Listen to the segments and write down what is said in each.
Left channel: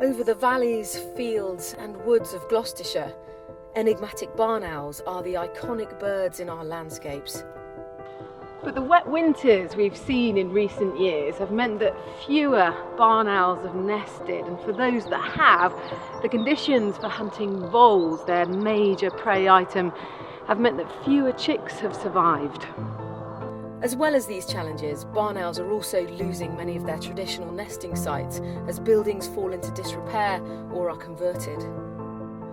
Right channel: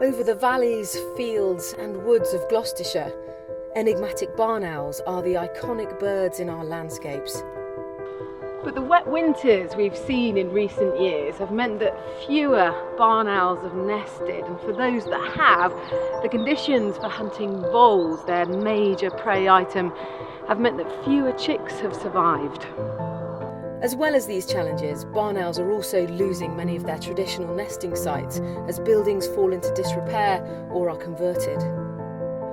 Over the valleys, fields and woods of Gloucestershire, enigmatic barn owls are the iconic birds in our landscapes. But the wet winters we've seen in recent years have meant that fewer barn owls have nested, and for those that have, the conditions for hunting voles, their major prey item, have meant that fewer chicks have survived. As well as these challenges, barn owls are also losing many of their traditional nesting sites as buildings fall into disrepair or are converted.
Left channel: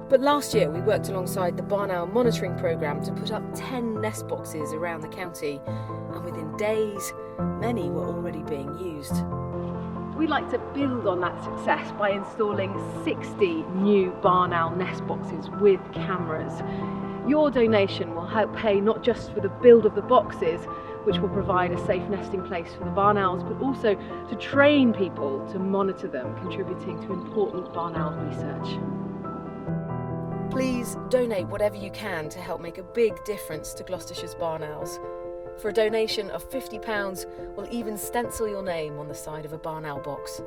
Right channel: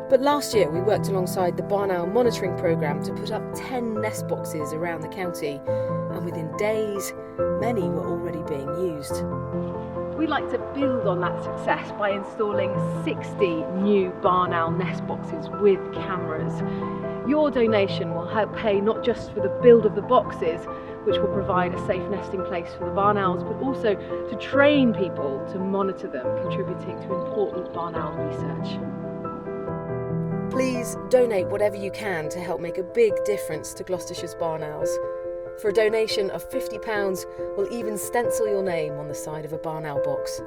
But last year we worked alongside the Barn Owl Monitoring Programme to put up 10 nest boxes around the county, and within days, many were already being used. We'd like to build on that success by installing 60 new barn owl nest boxes with cameras. Your donation will help pay not just for the build of the boxes, which will provide a safe nesting place for the barn owls, but also to train people to monitor them, contributing to important barn owl research. Please donate whatever you can to help make a big difference to Gloucestershire's barn owls. For a donation of £50, we'll even stencil your name on the side of a barn owl box.